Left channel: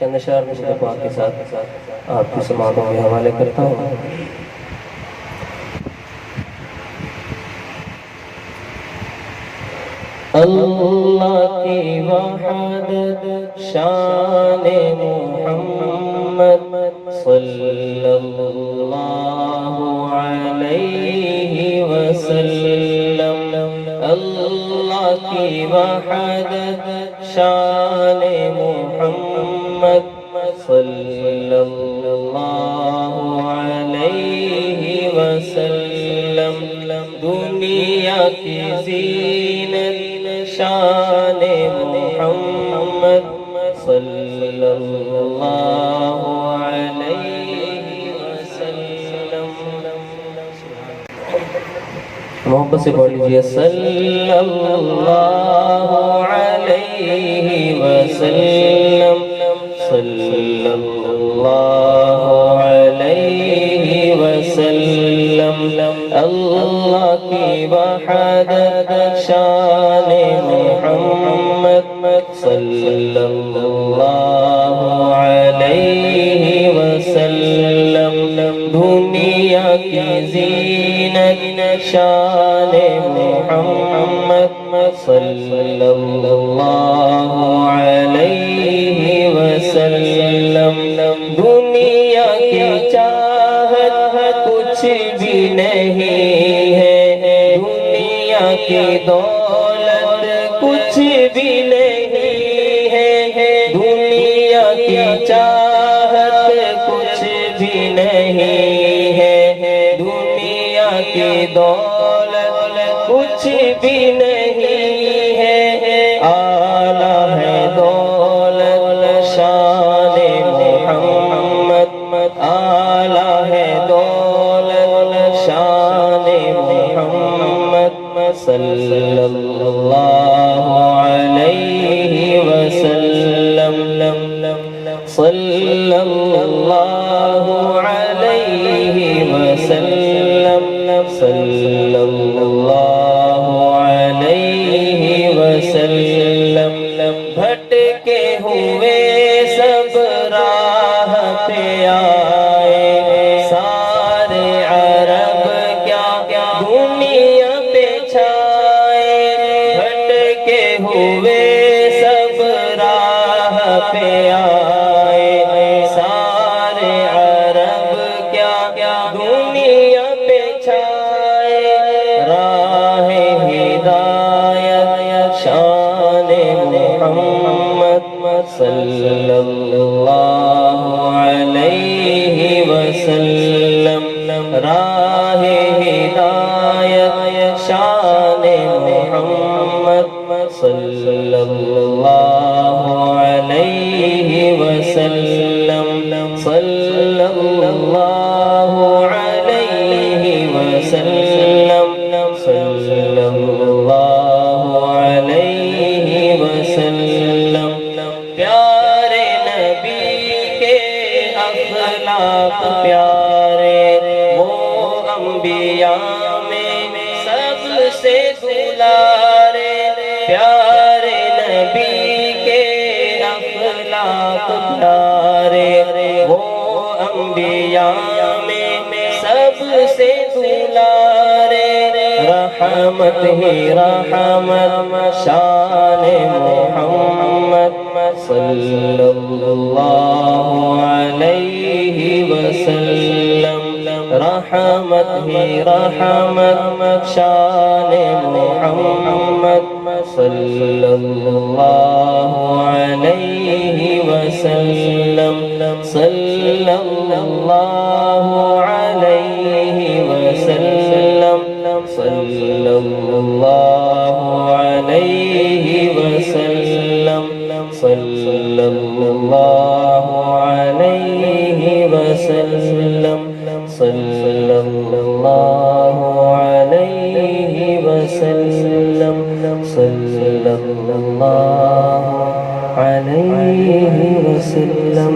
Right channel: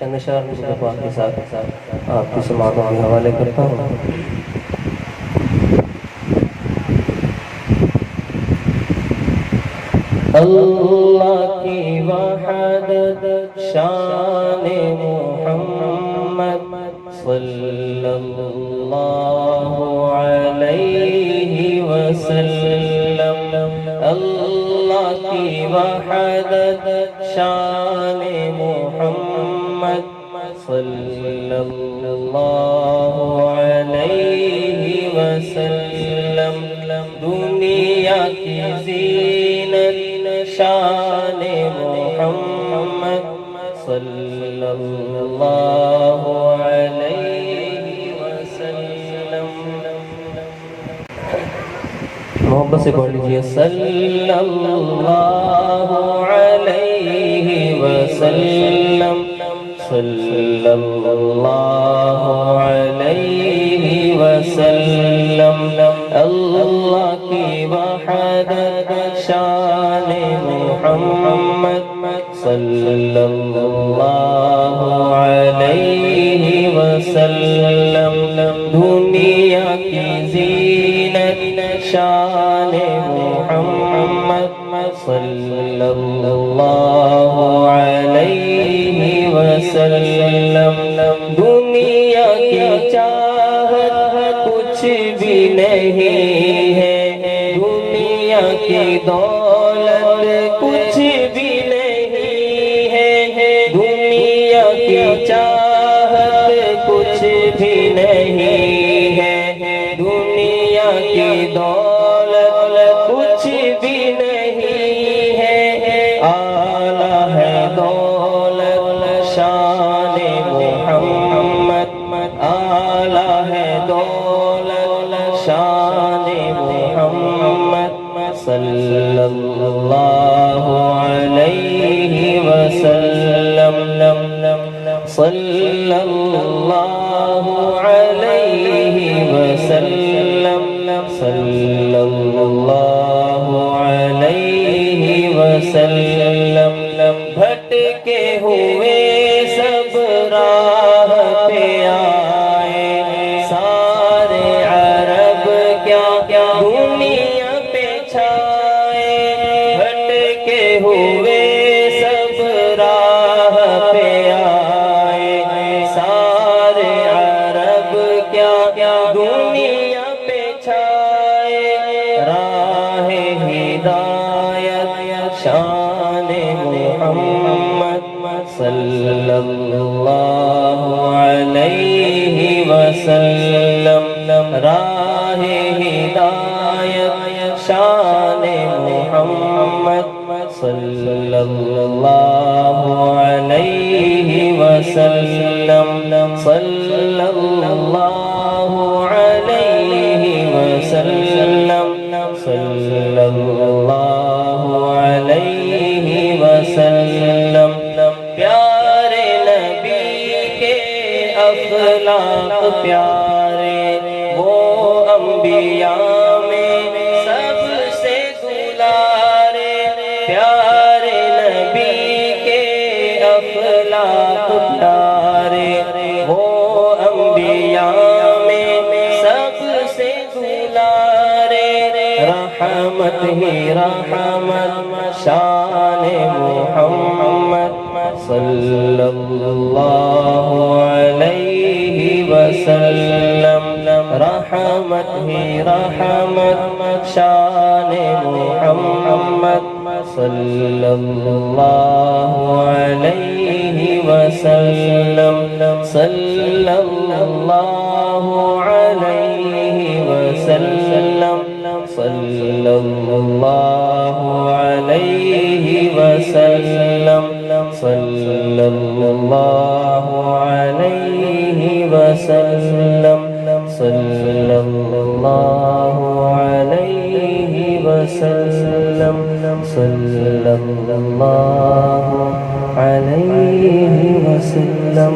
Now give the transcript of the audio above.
چند اشعار میں پاک کے ساتھ آپ کی سماعتوں کے حوالے کرتا ہوں۔ اللہ کی وحدت شان محمد صلی اللہ علیہ وسلم، اللہ کی وحدت شان محمد صلی اللہ علیہ وسلم، دنیا کی زینت شان محمد صلی اللہ علیہ وسلم۔ محبت سے پڑھ لیجیے صلی اللہ علیہ وسلم، صلی اللہ علیہ وسلم، اللہ کی وحدت شان محمد صلی اللہ علیہ وسلم، دنیا کی زینت شان محمد صلی اللہ علیہ وسلم، دنیا کی چاہت کچھ بھی نہیں ہے، دنیا کی دولت کچھ بھی نہیں ہے، دنیا کی چاہت کچھ بھی نہیں ہے، دنیا کی دولت کچھ بھی نہیں ہے، اعلیٰ ہے دولت شان محمد، اعلیٰ ہے دولت شان محمد صلی اللہ علیہ وسلم، صلی اللہ علیہ وسلم، صلی اللہ علیہ وسلم، بھٹکے ہوئے سب راہ پہ آئے، سارے عرب کیا دنیا پہ چھائے، بھٹکے ہوئے سب راہ پہ آئے، سارے عرب کیا دنیا پہ چھائے، راہ ہدایت شان محمد صلی اللہ علیہ وسلم، راہ ہدایت شان محمد صلی اللہ علیہ وسلم، صلی اللہ علیہ وسلم، صلی اللہ علیہ وسلم، پیارے نبی کے اخلاق پیارے، وہ انبیاء میں سب سے دلارے، پیارے نبی کے اخلاق پیارے، وہ انبیاء میں سب سے دلارے، رحمت ہی رحمت شان محمد صلی اللہ علیہ وسلم، رحمت ہی رحمت شان محمد صلی اللہ علیہ وسلم، صلی اللہ علیہ وسلم، صلی اللہ علیہ وسلم، صلی اللہ علیہ وسلم، صلی اللہ علیہ وسلم، صلی اللہ علیہ وسلم۔